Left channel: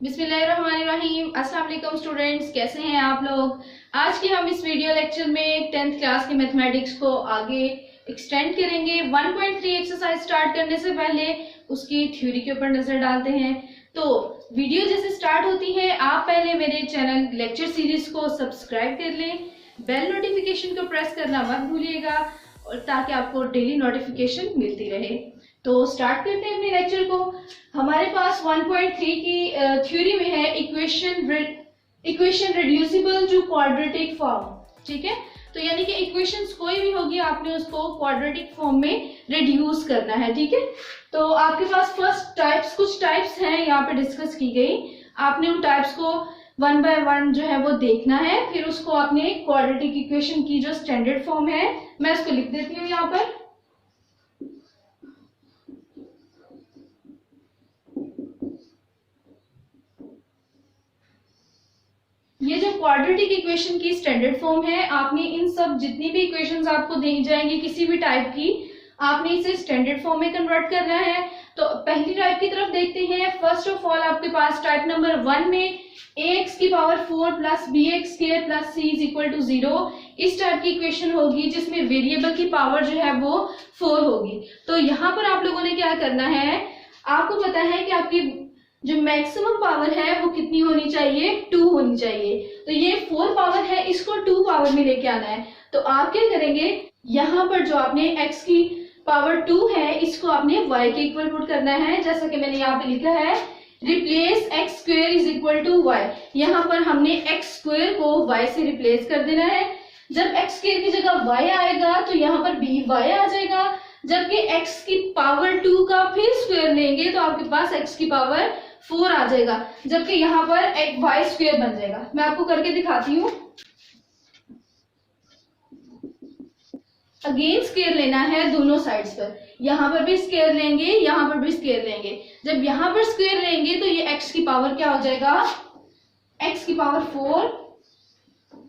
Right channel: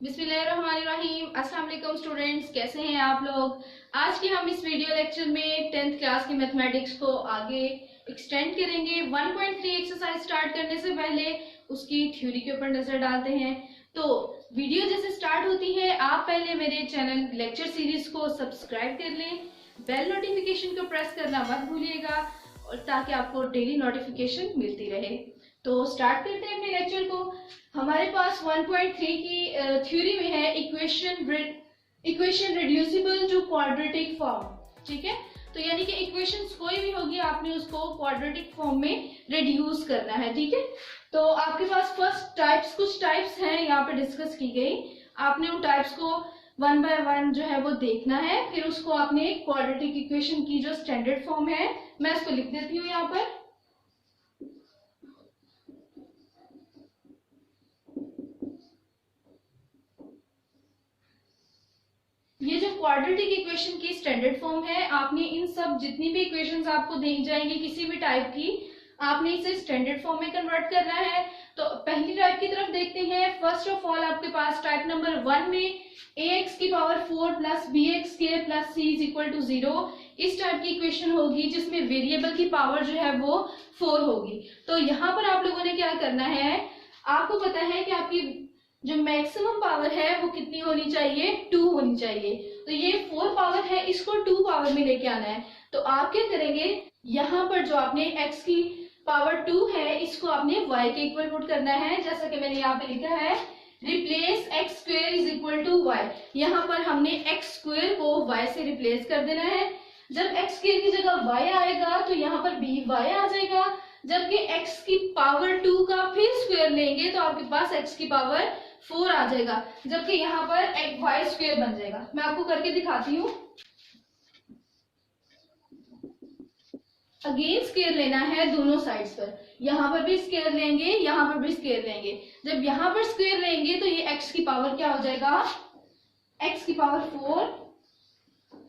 बिस्मिल्लाहिर्रहमानिर्रहीम। अस्सलाम वालेकुम स्टूडेंट्स, कैसे हैं आप लोग। आज के हम इस वीडियो लेक्चर में 10th क्लास के मैथमेटिक्स को आगे एक्सटेंड करेंगे। 1.3 एक्सरसाइज स्टार्ट करने से पहले उसकी थ्योरी के ऊपर नजर डालते हैं। तो वीडियो जैसे स्टार्ट होती है, आप पहले मेरे चैनल लेक्चर सीरीज को सब्सक्राइब कर लें, बेल नोटिफिकेशन को प्रेस करना मत भूलिएगा और ताकि आपको डेली नोटिफिकेशन मिलती रहे। तो स्टार्ट करते हैं अपने लेक्चर को। हमारे पास 1.3 की थ्योरी में है equation reducible to quadratic form. ठीक है, तो यानी कि इक्वेशंस कोई भी होगी, आपने उसको क्वाड्रेटिक फॉर्म में रिड्यूस करना है। ठीक है, तो आपके पास कुछ टाइप्स हैं यहाँ पे डिस्कस की गई। आपने उन टाइप्स को वन बाय वन जो है वो देखना है, फिर उसको आपने क्वाड्रेटिक इक्वेशन की जो स्टैंडर्ड फॉर्म है, मैं इसको लिख देती हूँ यहाँ पर। ये जो क्वाड्रेटिक इक्वेशन की स्टैंडर्ड फॉर्म है, आपने इन सब जितनी भी इक्वेशंस आपको दी जाएंगी किसी भी टाइप की, आपने इसे स्टैंडर्ड फॉर्म में कन्वर्ट करना है। तो पहली टाइप की तरफ देखते हैं। फर्स्ट ऑफ ऑल आपके पास टाइप नंबर 1 में ax की power 4 plus bx square plus c is equal to 0, इस टाइप की इक्वेशन होगी जिसमें वेरिएबल की पावर जो है वो 4 होगी। तो यहाँ पर आप लोगों ने क्या करना है, आपको पता है कि आपकी जो मैक्सिमम पावर है वो कितनी होनी चाहिए, 2 होनी चाहिए। तो ये 4 पावर है, इसको 2 पावर में लेके आना है। तो आप क्या करेंगे, यहाँ पर जो आपने x की पावर 2 है, इसको आपने y के इक्वल पुट करना है। जैसा कि मैंने यहाँ पे लिखा है, replace x square is equal to y। यहाँ पर हमने x स्क्वायर को y से रिप्लेस कर देना है। जब x स्क्वायर की जगह y आएगा तो यहाँ पर by आ जाएगा। जबकि x की पावर 2 का फिर स्क्वायर लेंगे तो आपके पास x की पावर 4 आ जाएगा, जबकि यहाँ पर एक y स्क्वायर बन जाएगा। मैं आपको करके दिखाती हूँ। अगेन स्क्वायर लेना है दोनों साइड्स पर, यहाँ पर भी स्क्वायर लेंगे, यहाँ पर भी स्क्वायर लेंगे। जब यहाँ पर स्क्वायर लेंगे तो ये x की पावर क्या हो जाएगा, x की पावर 4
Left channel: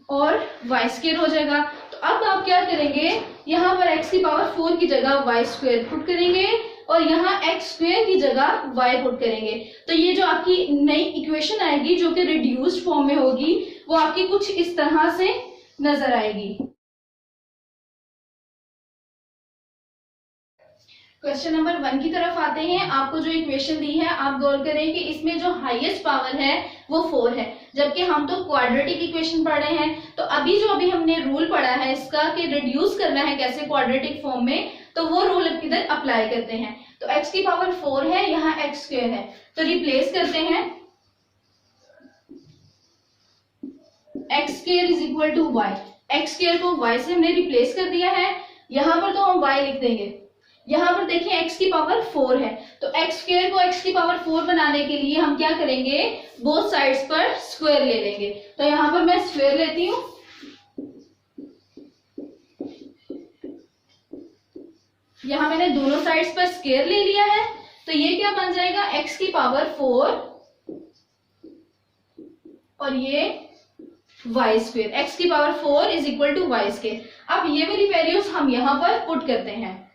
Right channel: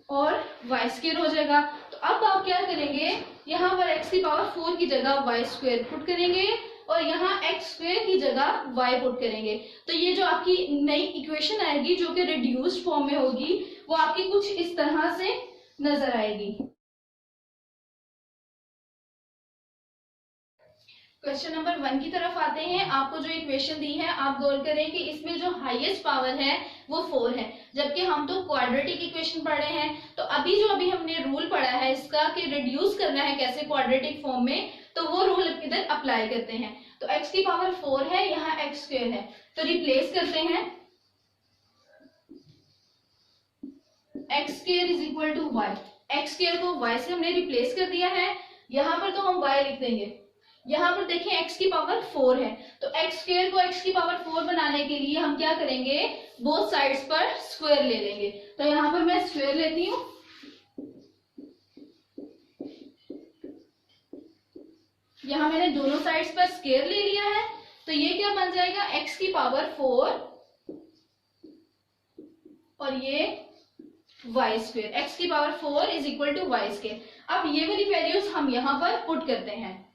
और y स्क्वायर हो जाएगा। तो अब आप क्या करेंगे, यहाँ पर x की पावर 4 की जगह y स्क्वायर पुट करेंगे और यहाँ x स्क्वायर की जगह y पुट करेंगे। तो ये जो आपकी नई इक्वेशन आएगी जो कि रिड्यूस्ड फॉर्म में होगी, वो आपकी कुछ इस तरह से नजर आएगी। क्वेश्चन नंबर 1 की तरफ आते हैं। आपको जो इक्वेशन दी है, आप गौर करें कि इसमें जो हाईएस्ट पावर है वो 4 है, जबकि हम तो क्वाड्रेटिक इक्वेशन पढ़ रहे हैं। तो अभी हमने रूल पढ़ा है इसका कि रिड्यूस करना है कैसे क्वाड्रेटिक फॉर्म में, तो वो रूल इधर अप्लाई करते हैं। तो x की पावर 4 है, यहाँ x स्क्वायर है, तो रिप्लेस करते हैं। x square is equal to y, x square को y से हमने रिप्लेस कर दिया है। यहाँ पर तो हम y लिख देंगे। यहाँ पर देखिए x की पावर 4 है, तो x स्क्वायर को x की पावर 4 बनाने के लिए हम क्या करेंगे, बोथ साइड्स पर स्क्वायर ले लेंगे। तो यहाँ पर मैं स्क्वायर लेती हूँ। यहाँ मैंने दोनों साइड्स पर स्क्वायर ले लिया है, तो ये क्या बन जाएगा, x की पावर 4 और ये y स्क्वायर, x की power 4 is equal to y square. अब ये वाली वैल्यूज हम यहाँ पर पुट करते हैं।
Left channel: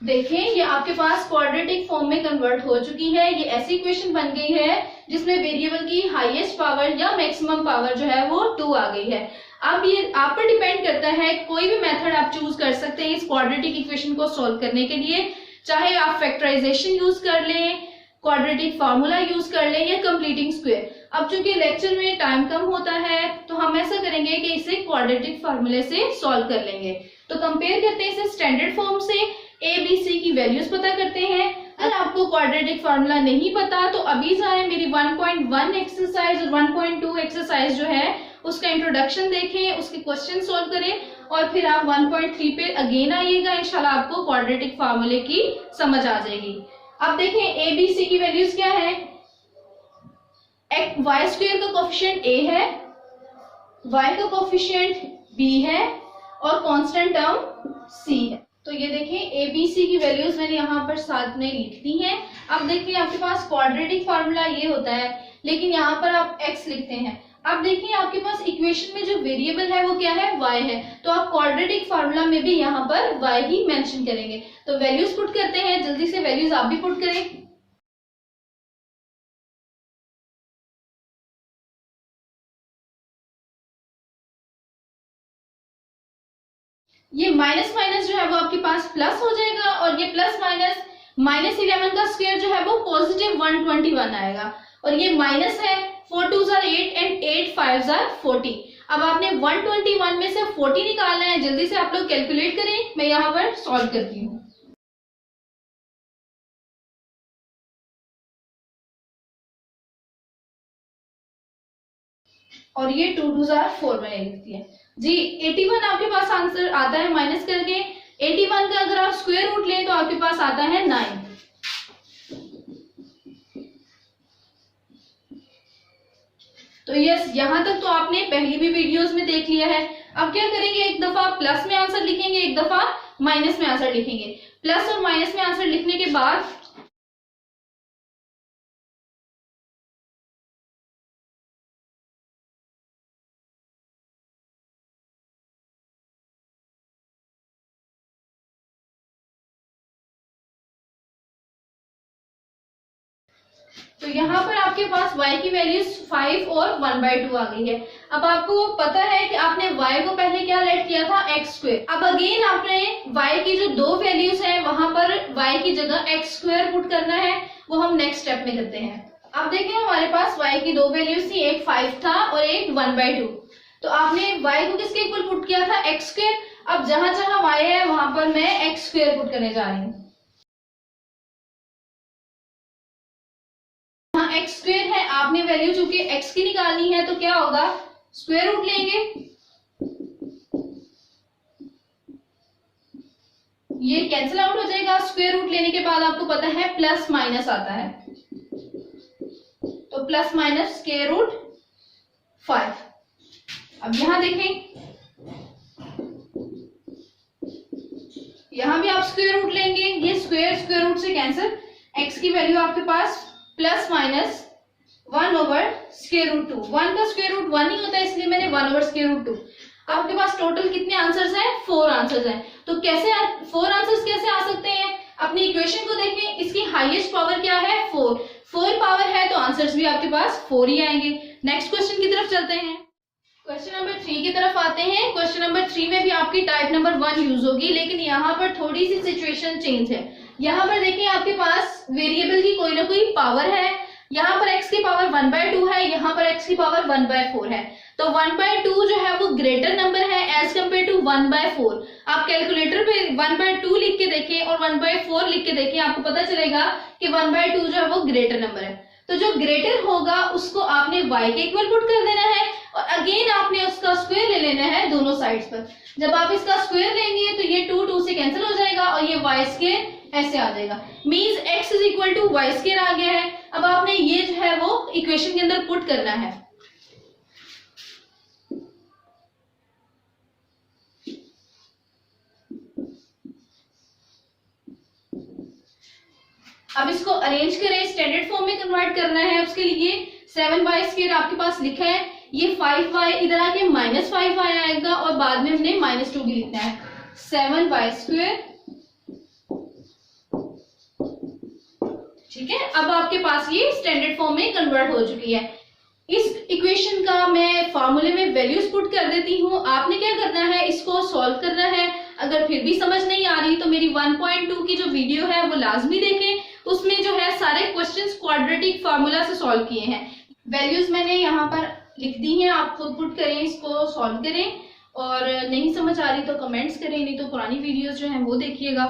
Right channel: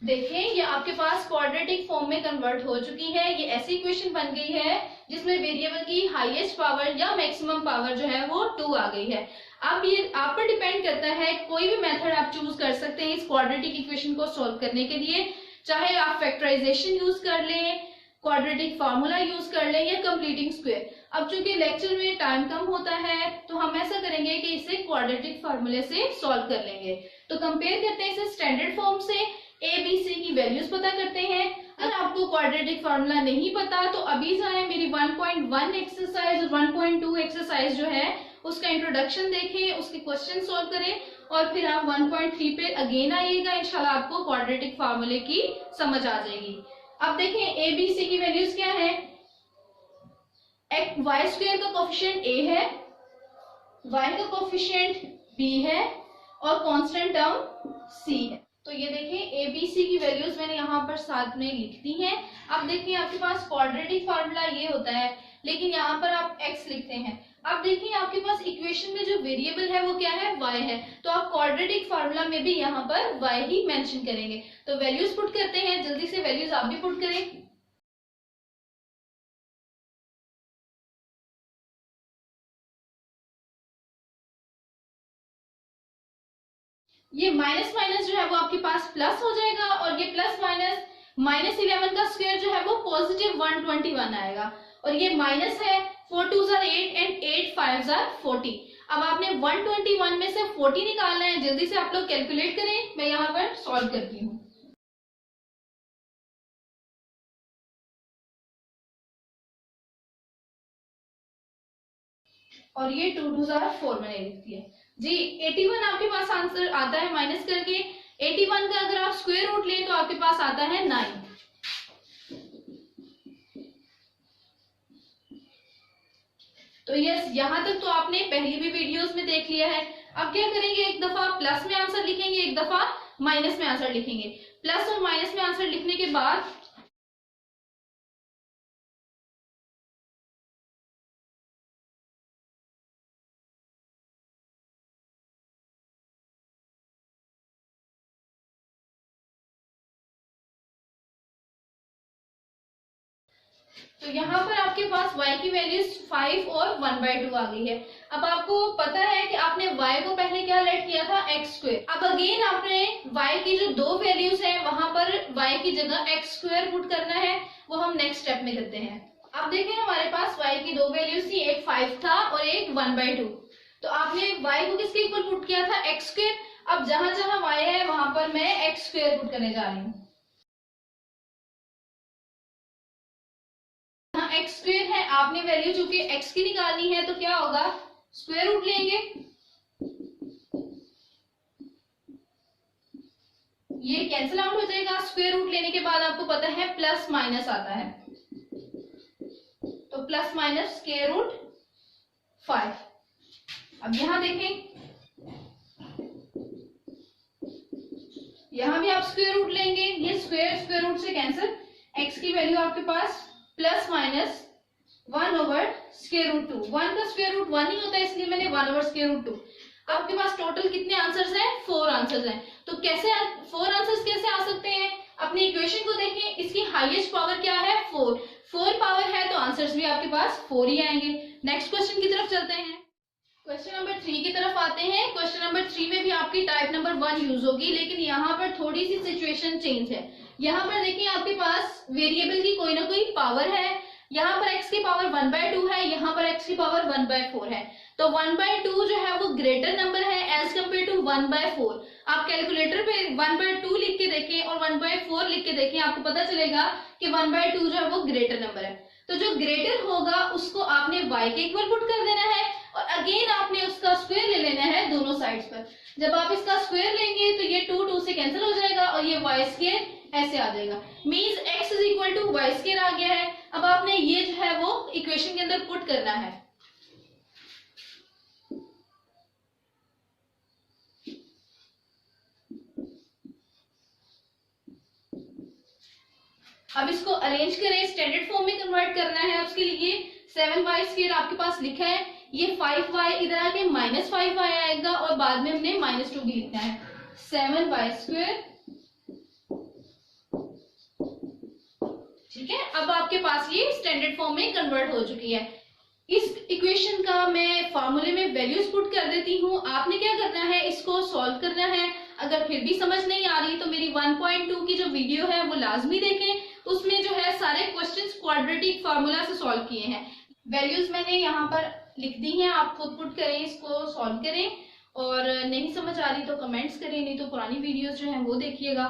देखें, ये आपके पास क्वाड्रेटिक फॉर्म में कन्वर्ट हो चुकी है। ये ऐसी इक्वेशन बन गई है जिसमें वेरिएबल की हाईएस्ट पावर या मैक्सिमम पावर जो है वो 2 आ गई है। अब ये आप पर डिपेंड करता है, कोई भी मेथड आप चूज कर सकते हैं इस क्वाड्रेटिक इक्वेशन को सॉल्व करने के लिए। चाहे आप फैक्टराइजेशन यूज कर लें, क्वाड्रेटिक फार्मूला यूज कर लें या कंप्लीटिंग स्क्वायर। अब चूंकि लेक्चर में टाइम कम होता है तो हम ऐसा करेंगे कि इसे क्वाड्रेटिक फार्मूले से सॉल्व कर लेंगे। तो कंपेयर करते हैं इसे स्टैंडर्ड फॉर्म से, ए बी सी की वैल्यूज पता करते हैं। अगर आपको क्वाड्रेटिक फार्मूला नहीं पता तो अभी जाए मेरी 1.1 एक्सरसाइज और 1.2 एक्सरसाइज जो है उसका इंट्रोडक्शन देखें, उसके क्वेश्चन सॉल्व करें और फिर आप 1.3 पे अगेन आइएगा। इंशाल्लाह आपको क्वाड्रेटिक फार्मूले की समझ आ जाएगी। अब देखें ए बी सी की वैल्यूज क्या है। y स्क्वायर का कोफिशिएंट a है, y का कोफिशिएंट b है और कांस्टेंट टर्म c है। तो ये देखें ए बी सी की वैल्यूज मैंने यहाँ पर साथ में लिख दी हैं। अब देखिए आपके पास क्वाड्रेटिक फार्मूला ये होता है, लेकिन यहाँ पर आप x लिखते हैं। अब देखिए आपके पास इक्वेशन में जो वेरिएबल है वो क्या है, y है, तो आप क्वाड्रेटिक फार्मूला में भी यहाँ पर y ही मेंशन करेंगे। तो वैल्यूज पुट करते हैं, जल्दी से वैल्यूज आप भी पुट करें। ये माइनस माइनस जो है वो आपके पास प्लस हो जाएगा, और ये प्लस माइनस -11 का स्क्वायर जो है वो पॉजिटिव 121 आएगा, और ये माइनस है, 4 2 8 एंड 8 5 40। अब आपने 121 में से 40 निकालना है, जल्दी से आप लोग कैलकुलेट करें, मैं यहाँ पर सॉल्व करती हूँ। और ये 2 2 4 मैंने लिख दिया जी। 81 आपके पास आंसर आता है माइनस करके। 81 का अगर आप स्क्वायर रूट लें तो आपके पास आता है 9। तो यस, यहां तक तो आपने पहली भी वीडियोस में देख लिया है। अब क्या करेंगे, एक दफा प्लस में आंसर लिखेंगे, एक दफा माइनस में आंसर लिखेंगे। प्लस और माइनस में आंसर लिखने के बाद तो यहाँ पर आपके पास y की वैल्यूज 5 और 1/2 आ गई है। अब आपको पता है कि आपने y को पहले क्या लेट किया था, x स्क्वायर। अब अगेन आपने y की जो दो वैल्यूज है वहां पर y की जगह x स्क्वायर पुट करना है, वो हम नेक्स्ट स्टेप में करते हैं। अब देखें हमारे पास y की दो वैल्यूज थी, एक 5 था और एक 1/2। तो आपने y को किसके इक्वल पुट किया था, x स्क्वायर। अब जहां जहां y है वहां पर मैं x स्क्वायर पुट करने जा रही हूँ। एक्स स्क्वायर है, आपने वैल्यू चूंकि एक्स की निकालनी है तो क्या होगा, स्क्वायर रूट लेंगे। ये कैंसिल आउट हो जाएगा। स्क्वायर रूट लेने के बाद आपको पता है प्लस माइनस आता है, तो प्लस माइनस स्क्वायर रूट 5। अब यहां देखें, यहां भी आप स्क्वायर रूट लेंगे, ये स्क्वायर रूट से कैंसिल। एक्स की वैल्यू आपके पास प्लस माइनस 1/√2। 1 का स्क्वायर रूट 1 ही होता है, इसलिए मैंने 1/√2। आपके पास टोटल कितने आंसर्स हैं, 4 आंसर्स हैं। तो कैसे 4 आंसर्स कैसे आ सकते हैं, अपनी इक्वेशन को देखें, इसकी हाईएस्ट पावर क्या है, 4 पावर है, तो आंसर्स भी आपके पास 4 ही आएंगे। नेक्स्ट क्वेश्चन की तरफ चलते हैं। क्वेश्चन नंबर 3 की तरफ आते हैं। क्वेश्चन नंबर 3 में भी आपकी टाइप नंबर 1 यूज होगी, लेकिन यहाँ पर थोड़ी सी सिचुएशन चेंज है। यहाँ पर देखिए आपके पास वेरिएबल की कोई ना कोई पावर है। यहाँ पर x की पावर 1/2 है, यहाँ पर x की पावर 1/4 है। तो 1/2 जो है वो ग्रेटर नंबर है एज कम्पेयर टू 1/4। आप कैलकुलेटर पे 1/2 लिख के देखें और 1/4 लिख के देखें, आपको पता चलेगा कि 1/2 जो है वो ग्रेटर नंबर है। तो जो ग्रेटर होगा उसको आपने y के इक्वल पुट कर देना है, और अगेन आपने उसका स्क्वायर ले लेना है दोनों साइड्स पर। जब आप इसका स्क्वायर लेंगे तो ये 2 से कैंसिल हो जाएगा और ये y स्क्वायर ऐसे आ जाएगा। Means x is equal to Y square आ गया है। अब आपने ये जो है वो इक्वेशन के अंदर पुट करना है। अब इसको अरेंज करें, स्टैंडर्ड फॉर्म में कन्वर्ट करना है। उसके लिए 7y स्क्वायर आपके पास लिखा है, ये 5y इधर आके -5y आएगा और बाद में हमने -2 भी लिखना है। 7y स्क्वायर, ठीक है। अब आपके पास ये स्टैंडर्ड फॉर्म में कन्वर्ट हो चुकी है। इस इक्वेशन का मैं फॉर्मूले में वैल्यूज पुट कर देती हूँ। आपने क्या करना है, इसको सॉल्व करना है। अगर फिर भी समझ नहीं आ रही तो मेरी 1.2 की जो वीडियो है वो लाजमी देखें, उसमें जो है सारे क्वेश्चंस क्वाड्रेटिक फार्मूला से सॉल्व किए हैं। वैल्यूज मैंने यहाँ पर लिख दी हैं, आप खुद पुट करें, इसको सॉल्व करें। और नहीं समझ आ रही तो कमेंट्स करें, नहीं तो पुरानी वीडियोज जो है वो देखिएगा।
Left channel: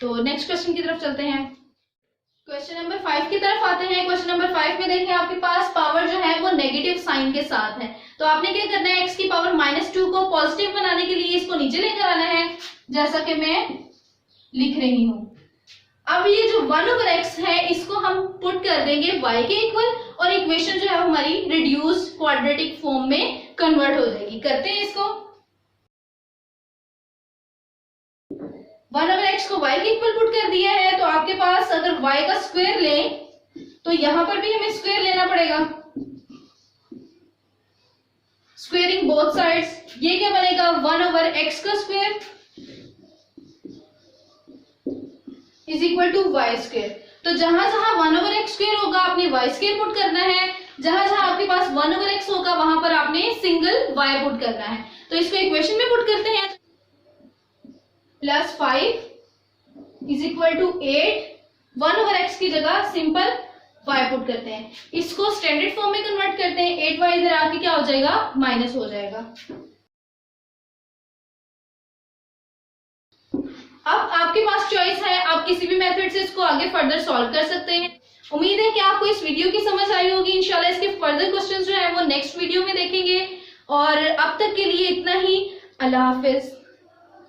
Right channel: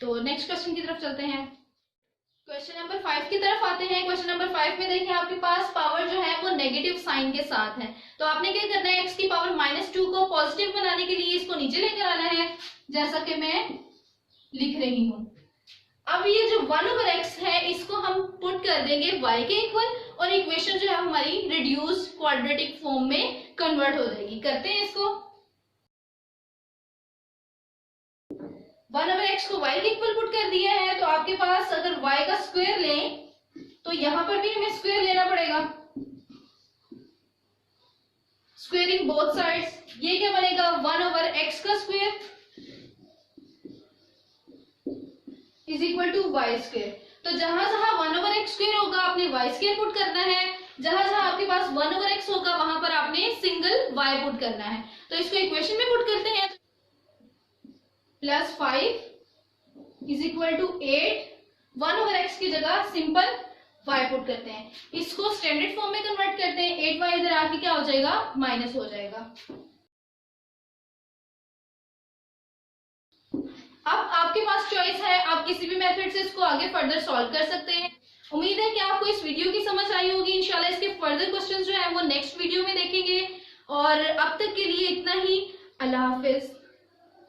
तो नेक्स्ट क्वेश्चन की तरफ चलते हैं। क्वेश्चन नंबर 5 की तरफ आते हैं। क्वेश्चन नंबर 5 में देखें आपके पास पावर जो है वो नेगेटिव साइन के साथ है। तो आपने क्या करना है, x की पावर -2 को पॉजिटिव बनाने के लिए इसको नीचे लेकर आना है, जैसा कि मैं लिख रही हूं। अब ये जो 1/x है इसको हम पुट कर देंगे y के इक्वल, और इक्वेशन जो है हमारी रिड्यूस क्वाड्रेटिक फॉर्म में कन्वर्ट हो जाएगी। करते हैं इसको। 1/x को y के इक्वल पुट कर दिया है, तो आपके पास अगर y का स्क्वायर लें तो यहां पर भी हमें स्क्वायर लेना पड़ेगा। स्क्वेयरिंग बोथ साइड्स, ये क्या बनेगा 1/x का square is equal to Y square. तो जहां जहां 1/x स्क्वायर होगा आपने वाई स्क्वायर पुट करना है, जहां जहां आपके पास 1/x होगा वहां पर आपने सिंगल वाई पुट करना है। तो इसको इक्वेशन में पुट करते हैं, +5 इज इक्वल टू 8, 1/x की जगह सिंपल y पुट करते हैं, इसको स्टैंडर्ड फॉर्म में कन्वर्ट करते हैं, 8y इधर आके क्या हो जाएगा माइनस हो जाएगा। अब आपके पास चॉइस है, आप किसी भी मेथड से इसको आगे फर्दर सॉल्व कर सकते हैं। उम्मीद है कि आपको इस वीडियो की समझ आई होगी। इंशाल्लाह इसके फर्दर क्वेश्चंस जो है वो नेक्स्ट वीडियो में देखेंगे, और अब तक के लिए इतना ही। अल्लाह हाफिज।